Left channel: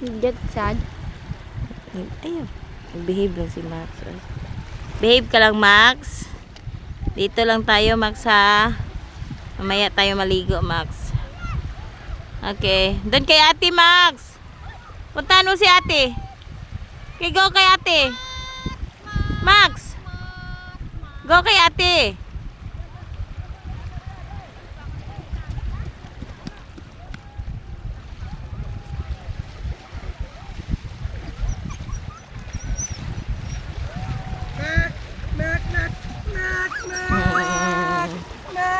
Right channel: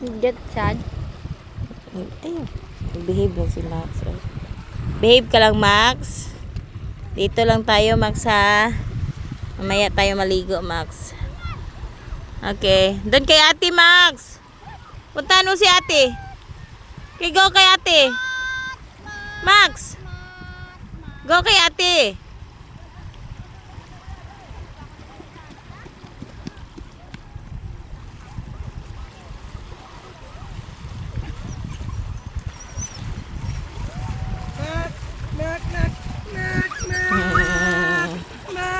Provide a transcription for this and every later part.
Get sad. Ayun. Behave lang si Max. Behave ka lang, Max. Dito lang tayo, Max, ha. Mamaya tayo maligo, Max. Okay. Doon kay ate, Max. Puntahan mo si ate. Okay, go kay ate. Max. Go kay ate.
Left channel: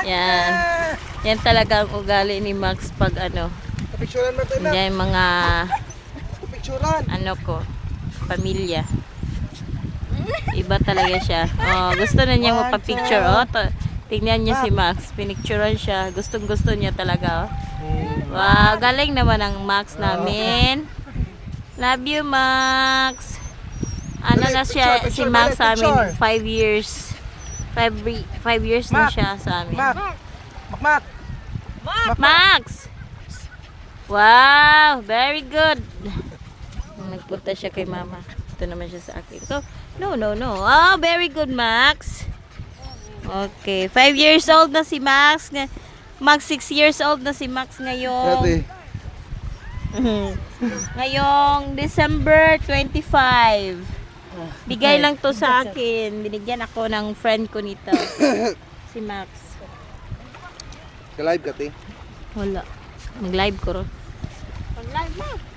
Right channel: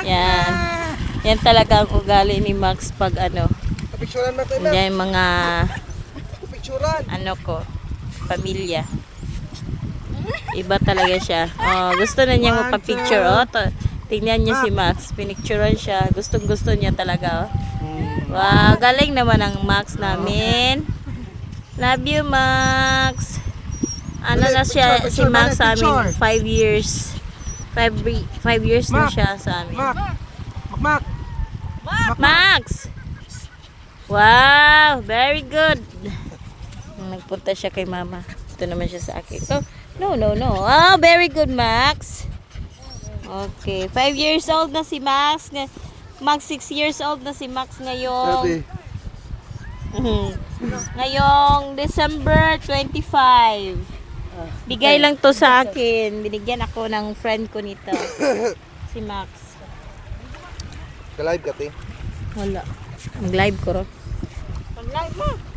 Yan. Yan talaga ang ugali ni Max pag ano. Picturean mo tayo, Yan mga picturean. ano ko, pamilya. Iba talaga siya. Oh, gusto na niya magpa-picture. Oh, tingnan niyo si Max. Pinicturean siya. Gustong-gusto niya talaga. Oh. Wow, galing naman ang Max namin. Love you, Max. Ano na siya, si Max sa amin? 5 years. 5 years na siya sa amin. Mac. Max! Wow, very good. Nagpunta siya kay mama. Ito naman siya sa akin. Ito, no. Oh, very good, Max. Okay, 5 years old na si Max. Mag 6 years old na si Max ngayong ngayong December 25. Bigay lang to sa akin. Binigyan ako ng friend ko nito. Si Max. Ka-live ka, te. Wala. Mag-live ko ro. Pag-live mo.